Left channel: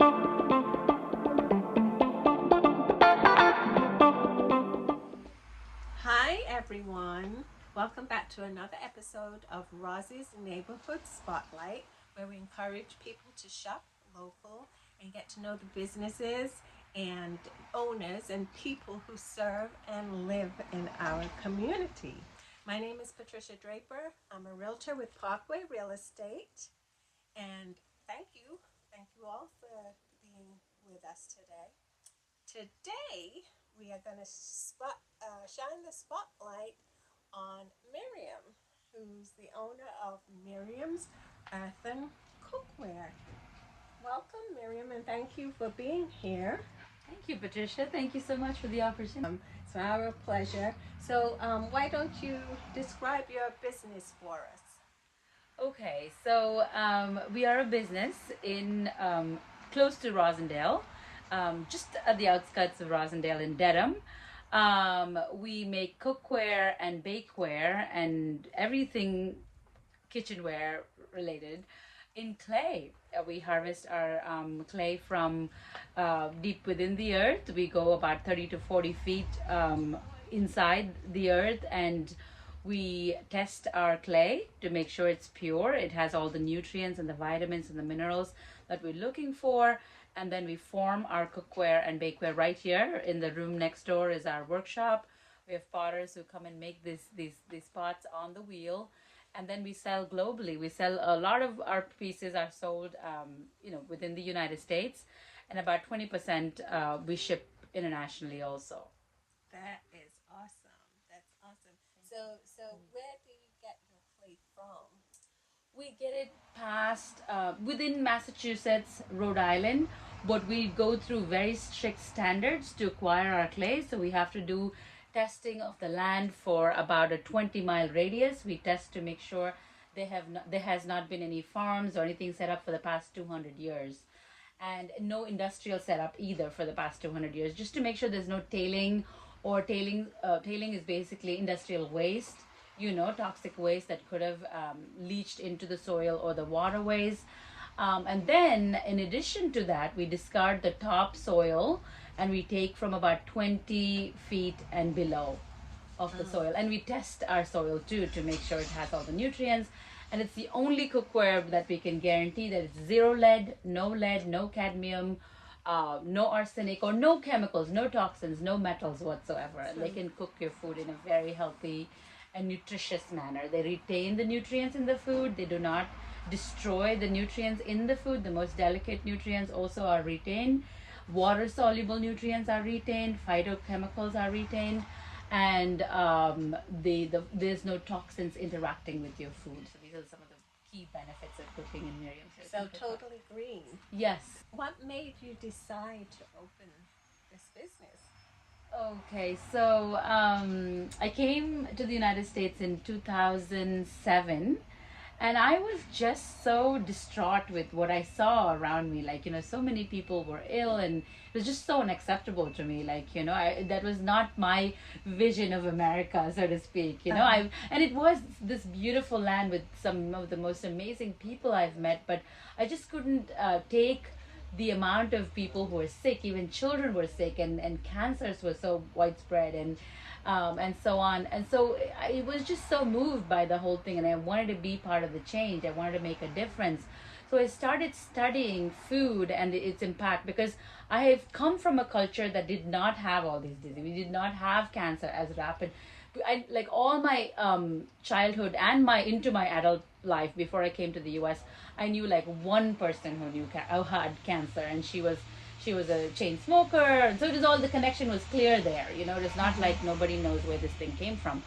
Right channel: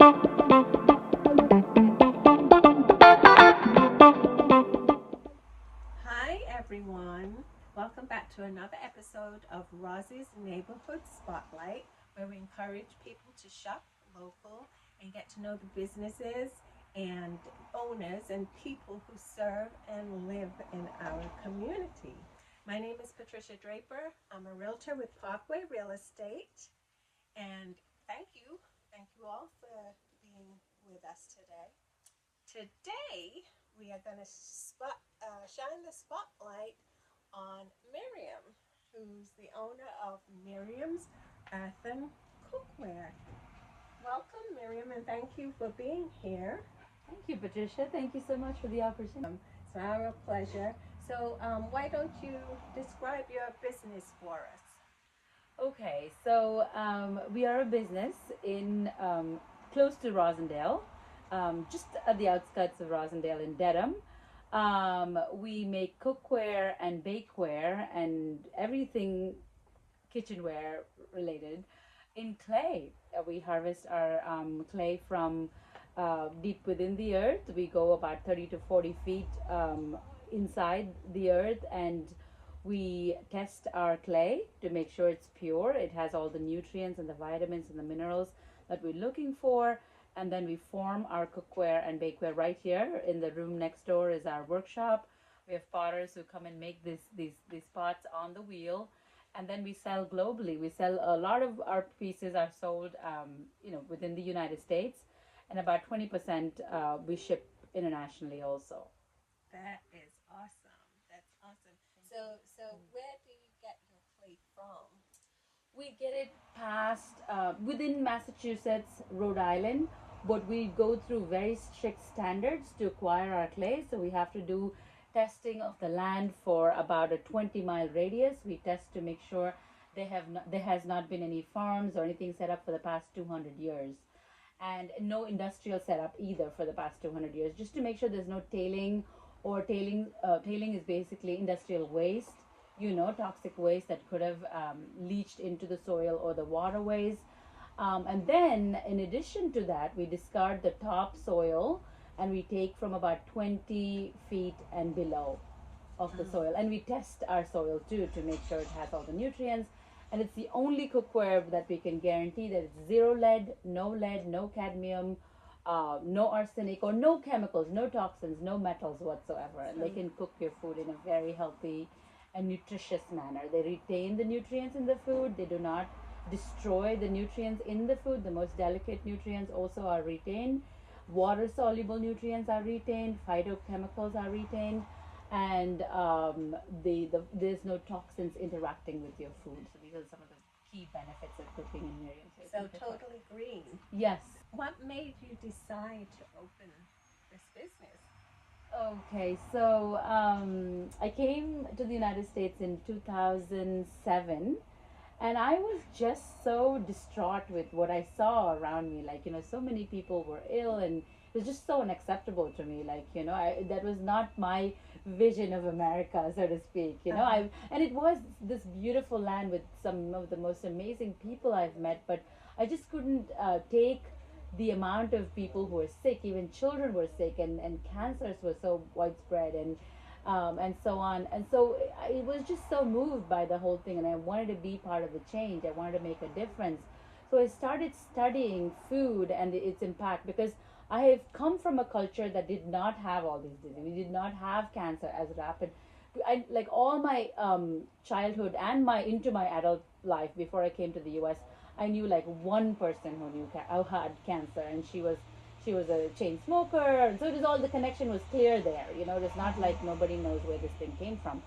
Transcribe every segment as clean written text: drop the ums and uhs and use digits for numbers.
Hi everyone, welcome back to another episode of Rosie's Neighborhood Spotlight, where we encourage people to shop local and get to know the businesses and owners and people who serve and live in our community. My name is Patricia Draper. I'm a realtor with Parkway Real Estate, and thank you all for being with us today. Today, we are going to shine the spotlight on Miriam, who's the owner of Miriam's Earthen Cookware. Welcome, Miriam, and thank you for being here. Thank you, Patricia. Thank you so much for the opportunity. It's our pleasure. So, why don't you describe your business for us? Okay, so we are a business in close to Rosendale, just at the outskirts of Rosendale in Dedham. We make cookware and bakeware and everything kitchenware related in clay. We harvest our clay from deep within the earth. We go about 30 to 40 feet inside the earth, and we test our clay to make sure it's pure. It has all the nutrients and the vitamins and the minerals that we're looking for. And then we form our cookware and bakeware right here. In the room next door is our workshop. We have potters who come and make these pots on the wheel, and then we sell globally. We sell a lot of our pieces are sold, within the United States, and about 20% we ship internationally also. That is awesome. That's awesome. So where do you get your clay from? We get it past within Massachusetts, Rhode Island, but we go through very strict standards to acquire our clay. So we have to do testing of the land for about a 20-mile radius. We test to make sure there has not been any farms or anything set up for the past 200 years, and no industrial setup either for the past 200 years, just to make sure there's no tailing. Or tailing is basically industrial waste, toxic waste that could have leached into the soil or the waterways. And then, in addition to that, we discard the topsoil, and we take from about 20 feet and below of the soil. And we test our soil too to make sure it has all the nutrients. And it's the only cookware that we can guarantee that it's zero lead, no cadmium, no arsenic or no chemicals, no toxins, no metals whatsoever. And they can cook your food in a very healthy and nutritious manner. They retain the nutrients in the food. They do not destroy the nutrients in the food. The most delicate nutrients also are retained. Water soluble nutrients are retained. Phytochemicals are retained. And there's no toxins interacting with your food. So these are some of the key benefits of cooking in Miriam's. So totally green. Yes. What made you decide to open this business? Okay, so I came to the United States in 2007, and I was just so distraught with what I saw around me. Like, so many people were ill, and it was just so unacceptable to me. Like, that was not my vision of America, so to speak. And it was this beautiful land with some of the most amazing people I've met, but I just couldn't take the amount of people who were sick. Even children were sick, and cancers were so widespread, and so on. And so I was just so moved by the whole thing, and I wanted to be part of the change. I wanted to make a difference. So I started studying food and its impact, because I have come from a culture that did not have all these diseases. We did not have cancer as rapid. Like all my childhood and into my adult life before I came to the U.S., I knew like one person who had cancer, and she was a chain smoker. So it was all, the connection was clear there. It was not like nobody knows where this thing came from.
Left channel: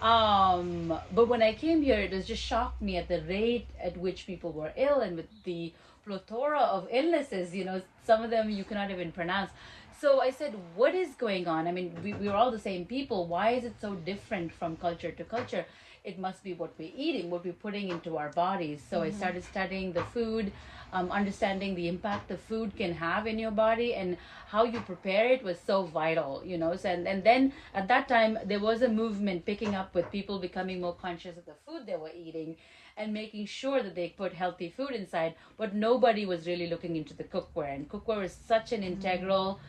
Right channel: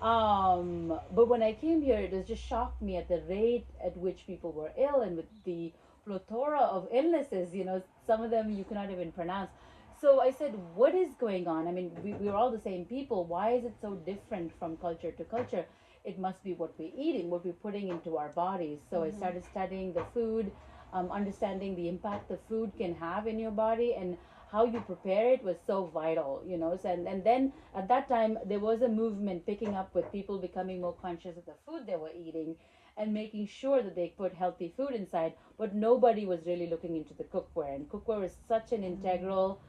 But when I came here, it was just shocked me at the rate at which people were ill, and with the plethora of illnesses. Some of them you cannot even pronounce. So I said, what is going on? I mean, we're all the same people. Why is it so different from culture to culture? It must be what we're eating, what we're putting into our bodies. So I started studying the food, understanding the impact the food can have in your body, and how you prepare it was so vital, So, and then at that time, there was a movement picking up with people becoming more conscious of the food they were eating. and making sure that they put healthy food inside, but nobody was really looking into the cookware. And cookware is such an integral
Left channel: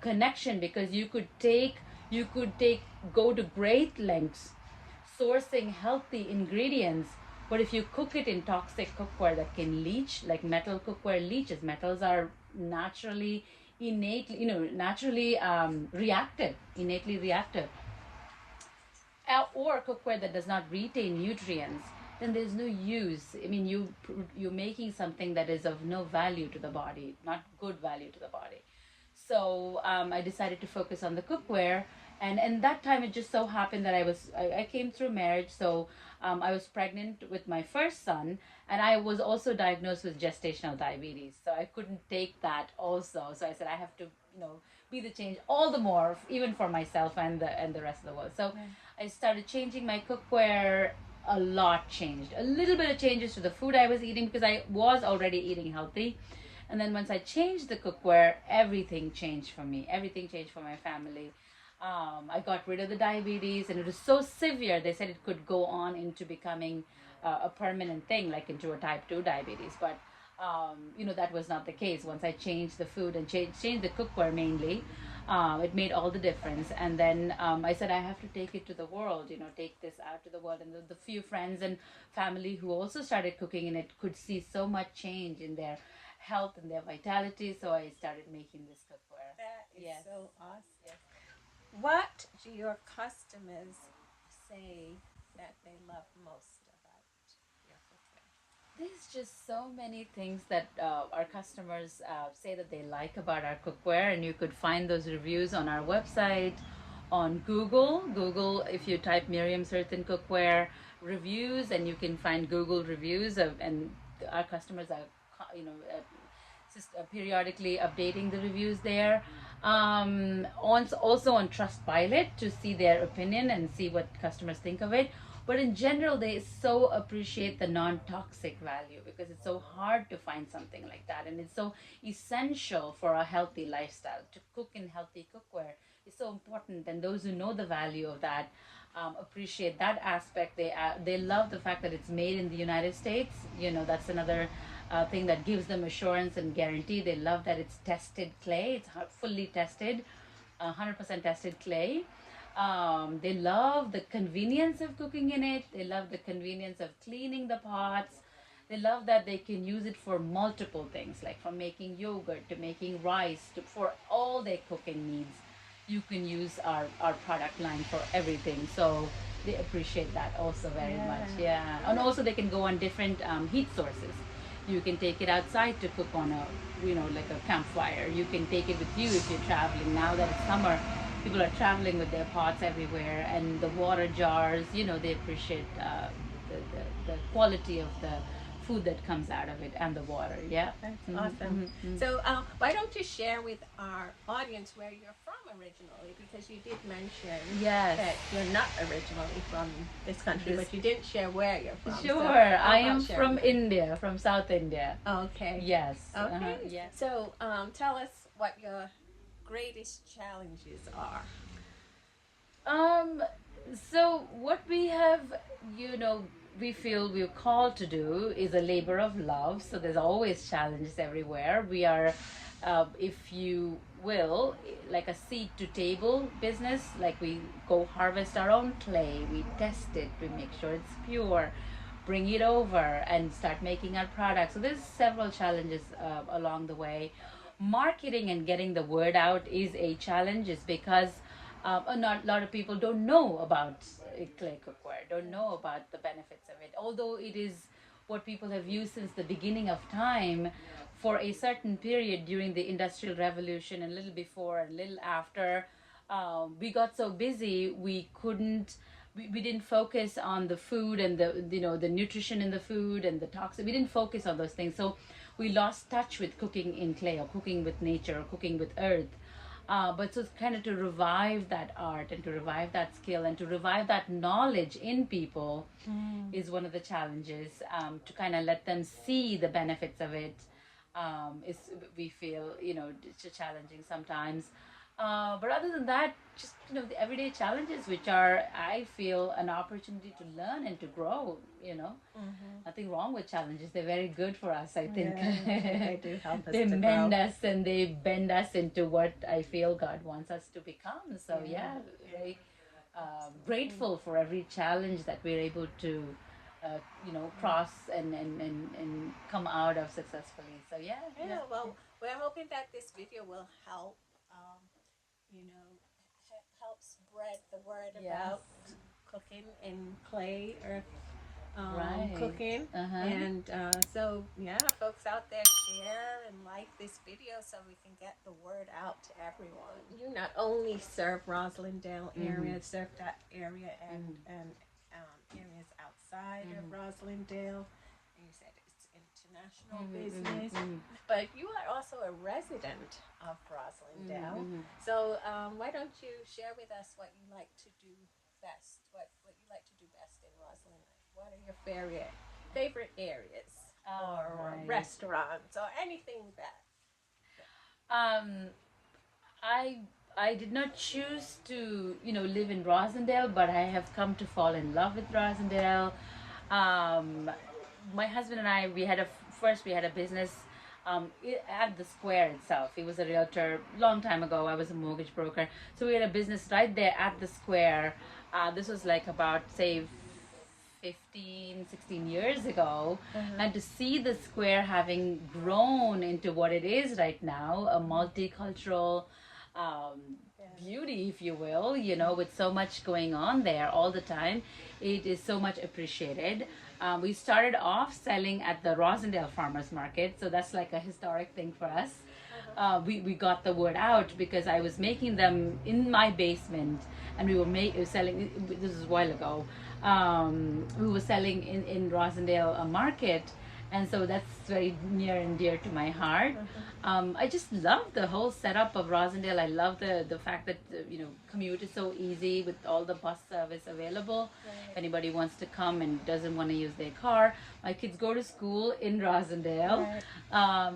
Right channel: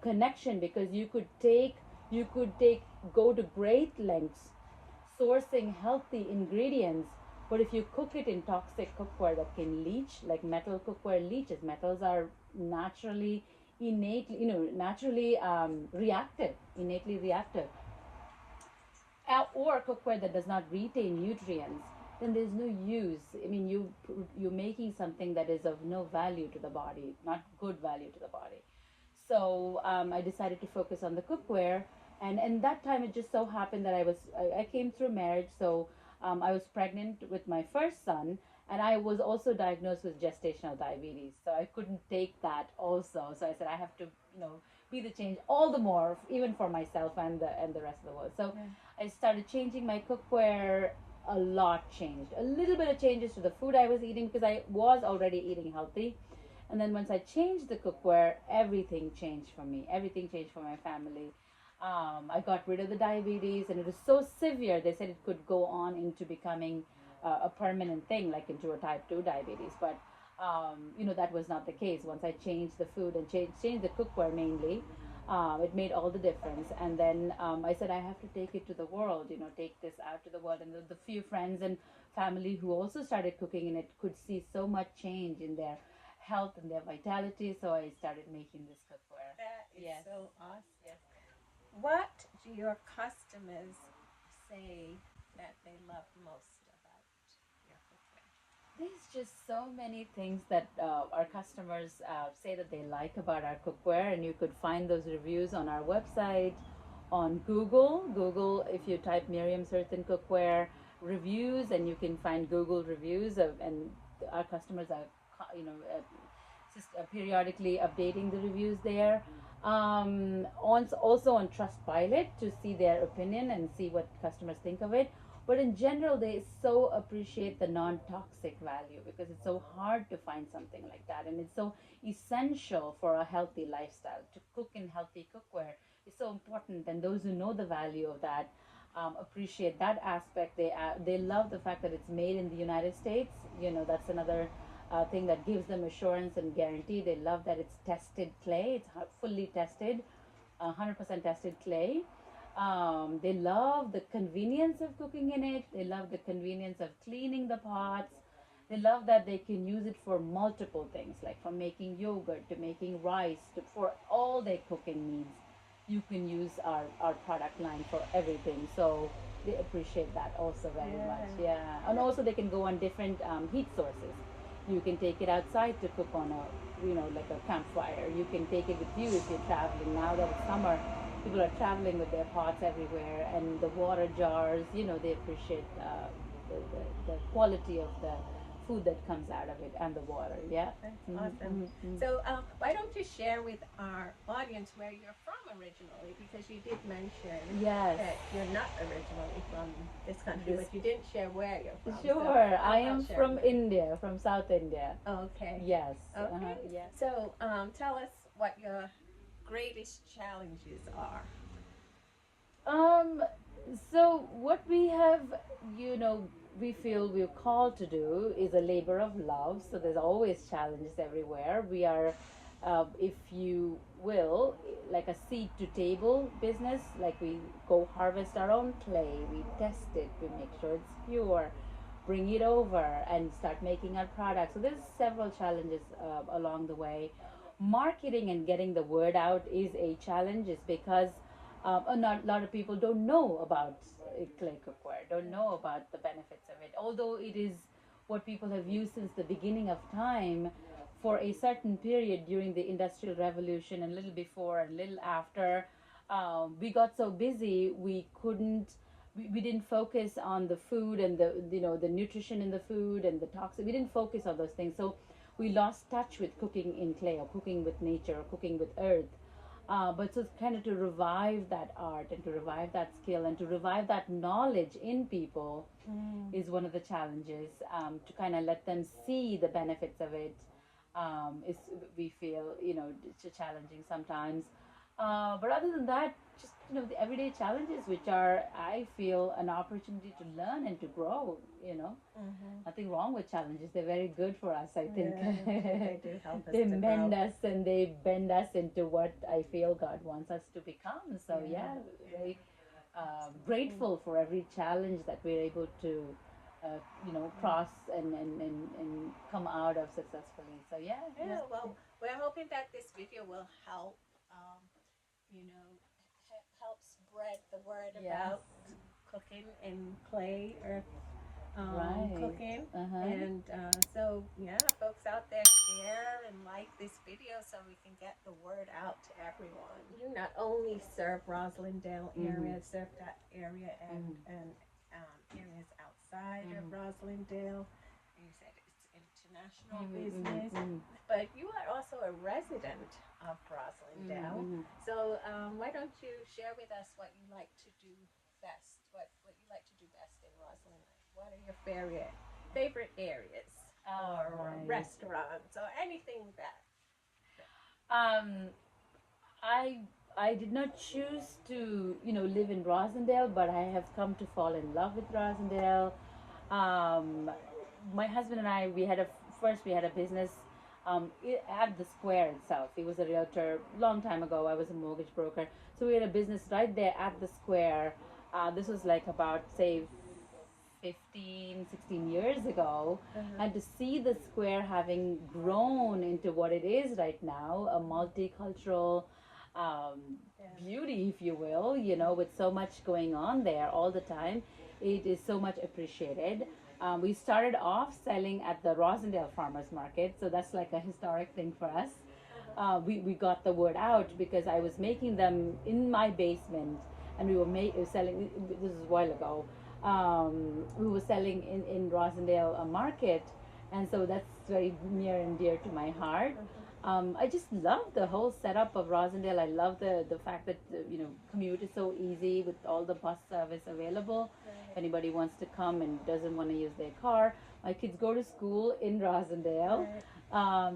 connection, because you could take go to great lengths sourcing healthy ingredients, but if you cook it in toxic cookware that can leach, like metal cookware leaches. Metals are naturally innately, naturally reactive, innately reactive. Or cookware that does not retain nutrients, then there's no use. I mean, you're making something that is of no value to the body, not good value to the body. So I decided to focus on the cookware, and that time it just so happened that I came through marriage, so I was pregnant with my first son, and I was also diagnosed with gestational diabetes, so I couldn't take that also. So I said I have to, be the change all the more, even for myself and the rest of the world. So I started changing my cookware. A lot changed. A little bit of changes to the food I was eating, because I was already eating healthy. And then once I changed the cookware, everything changed for me. Everything changed for my family. I got rid of the diabetes, and it was so severe. They said it could go on into becoming a permanent thing, like into a type 2 diabetes. But, that was not the case. Once I changed the food and changed the cookware mainly, it made all the difference. And then I said, I have to take it to the world, take this out to the world. And the few friends and family who also started cooking in it could see so much change in their health and their vitality. So I started making this cookware. That is Yes. so awesome. What do your customers say that they love most about your cookware? There's just so many things that our customers say that they like about our cookware, and you could find those reviews on our website, on Google. Google, if you type Miriam's Earthen Cookware reviews, and you can find Google reviews and our customers are, periodically updating the reviews there. Also on Trustpilot to see their opinion and see what customers think of it. But in general, they so appreciate the non-toxic value, because it's so hard to find something like that, and it's so essential for a healthy lifestyle. To cook in healthy cookware is so important, and those who know the value of that appreciate that aspect. They love the fact that it's made in the United States. That's another thing that gives them assurance and guarantee. They love that it's tested clay. It's fully tested, 100% tested clay. They love the convenience of cooking in it. They love the convenience of cleaning the pots. They love that they can use it for multiple things, like from making yogurt to making rice, for all their cooking needs. You can use our product line for everything. So they appreciate that also very much. Yeah. And also they can go on different heat sources. You can take it outside to cook on like a campfire. You can take it with you if you're traveling. Now that it's summer, people are traveling with their pots everywhere, and the water jars. They appreciate the quality of the food that comes out of it, and the water. Yeah. That's Mhm, awesome. mhm, mhm. So, why don't you share with our audience where you're from originally? Because you did mention Yes. that you're not originally from this country, This- but you didn't share where you're from. Sure, So I how am about sharing from that? India, from South India. Okay. Yes. Okay. Yes. So, tell us what your greatest challenges are. Um, so what we have, you know, we feel we're called to do is a labor of love. So there's always challenges everywhere. We are, if you will, like a seed to table business. Like we go harvest our own clay, we test it, we make sure it's pure, bring it over, and start making our products. So there's several challenges along the way. Marketing and getting the word out is a challenge, is because a lot of people don't know about clay cookware, don't know about the benefits of it. Although it is what people have used since the beginning of time, for a certain period during the Industrial Revolution, and a little before and a little after, we got so busy we couldn't. We didn't focus on the food and the nutrition in the food and the toxin. We didn't focus on those things, so we lost touch with cooking in clay, or cooking with nature, or cooking with earth. But so it's kind of to revive that art, and to revive that skill, and to revive that knowledge in people is one of the challenges. To kind of let them see the benefits of it is, we feel, it's challenging sometimes. But other than that, just the everyday challenges, which are, I feel, an opportunity to learn and to grow. Nothing wrong with challenges. They're very good for us, I think. Yeah, they do help us They to mend grow. us and they bend us into what I feel God wants us to become. So yeah, very grateful for every challenge that we're able to, cross and come out of successfully. So yeah, Yeah, well, we're hoping that this video will help, you know, help spread the word yes, about cooking in clay earth right, cooking. uh-huh, And so, yeah, folks out there, share and like this video so we can get the word out to everyone. You not only serve Roslindale area, serve that area and areas outside of Roslindale. And you said it's international business, but you are also a resident of Roslindale. So why don't you share with us what you like to do best? What you like to do best in Roslyn? What are your favorite areas or right. restaurants or anything that? Um, I I did not choose to live in Rosendale, but I have come to fall in love with Rosendale. Um, my husband and I, we had a business at the square itself. He was a realtor long time ago. I was a mortgage broker, so we had a business right there at the square. This was like about, say, 15, 16 years ago. And to see the square having grown into what it is right now, a multicultural beauty, if you will, with so much going on there all the time, it is so much appreciated. We started off selling at the Rosendale Farmers Market, so that's like a historic thing for us. We got the word out because I was making them in my basement, and we were selling. This was a while ago. We were selling in Rosendale market, and so that's very near and dear to my heart. I just love the whole setup of Rosendale. I love the fact that commute is so easy with all the bus service available. If anybody wants to come and doesn't want to use their car, my kids go to school in Rosendale.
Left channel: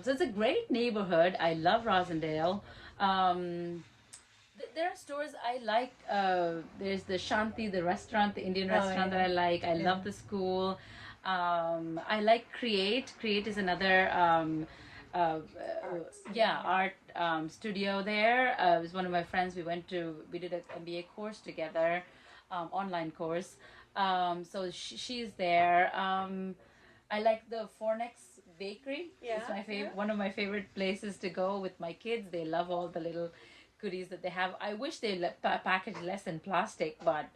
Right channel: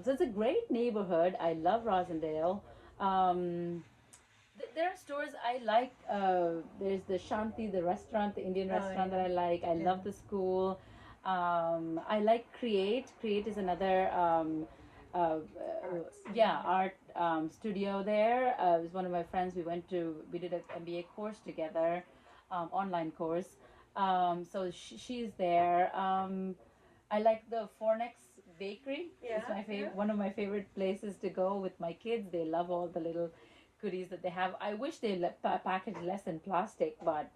So it's a great neighborhood. I love Rosendale. There are stores I like. There's the Shanti, the restaurant, the Indian restaurant that I like. I love the school. I like Create. Create is another art studio there. It was one of my friends. We did an MBA course together, online course. So she's there. I like the Fornex Bakery. It's my favorite, one of my favorite places to go with my kids. They love all the little goodies that they have. I wish they package less in plastic, but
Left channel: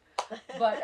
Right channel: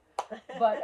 but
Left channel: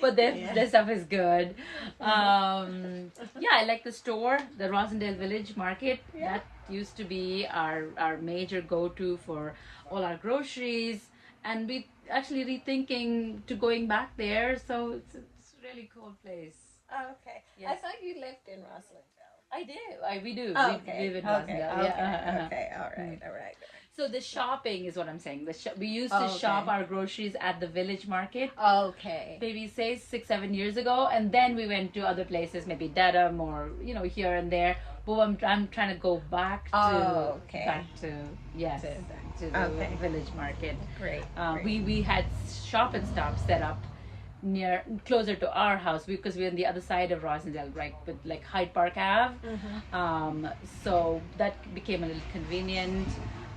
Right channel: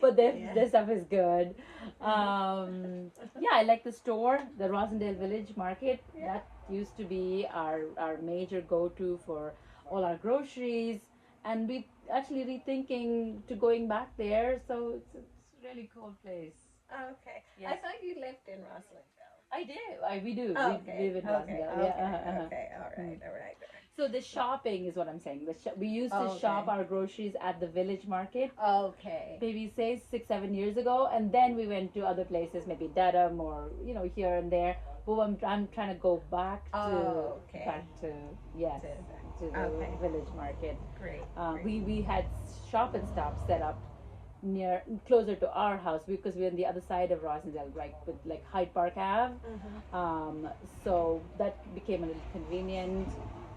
but their stuff is good. I like the store, the Rosendale Village Market. That used to be our major go-to for all our groceries, and we actually rethinking to going back there. So it's a really cool place. Okay. I thought you lived in Roslindale. I do. We do. Oh, We okay. live in Okay. Rosendale. Okay. Yeah. Okay. All right. All right. So the shopping is what I'm saying. We used to shop our groceries at the village market. Okay. Maybe say 6-7 years ago, and then we went to other places, maybe Dedham or here and there. But I'm trying to go back to yes to the village market. Great. We had shop and stop set up closer to our house because we're on the other side of Rosendale, right, with like Hyde Park Ave. So that became a little convenient,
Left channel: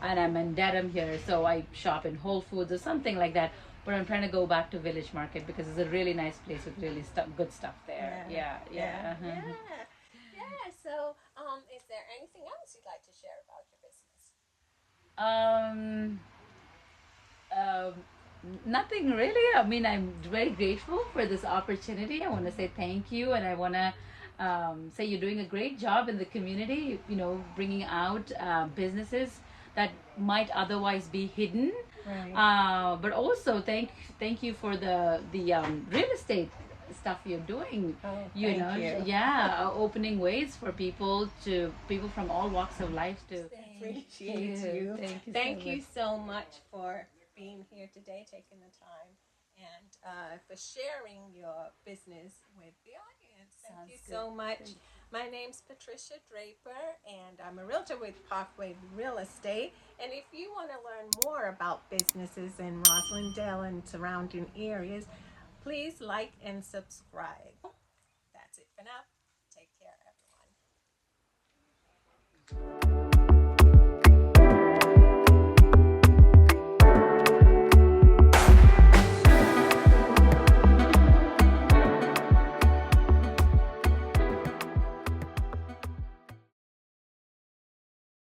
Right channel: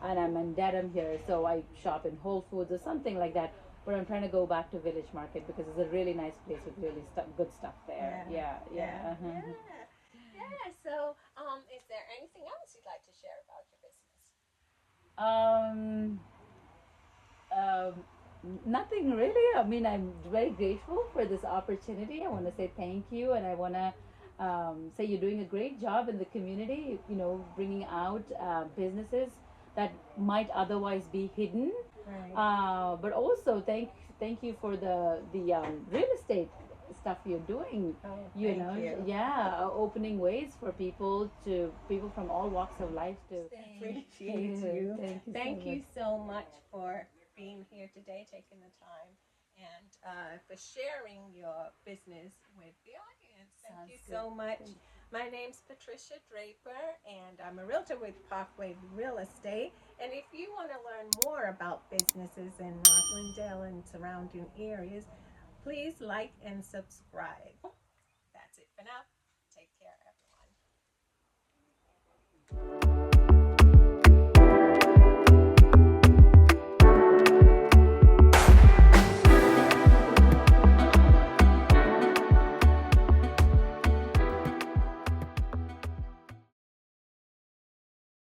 and I'm in Dedham here, so I shop in Whole Foods or something like that. But I'm trying to go back to Village Market because it's a really nice place with really good stuff there. Yeah. So, is there anything else you'd like to share about your business? Nothing really. I mean, I'm very grateful for this opportunity. I want to say thank you, and I want to say you're doing a great job in the community. Bringing out businesses that might otherwise be hidden. Right. But also thank you for the real estate stuff you're doing. Oh, thank you. Opening ways for people from all walks of life to Appreciate you. Thank you So much for being here today, taking the time, and for sharing your business with the audience. Thank you so much. My name's Patricia Draper, and I'm a realtor with Parkway Real Estate. And if you want to learn more about businesses in Roslindale and surrounding areas, please like and subscribe. That's it for now. Take care, everyone.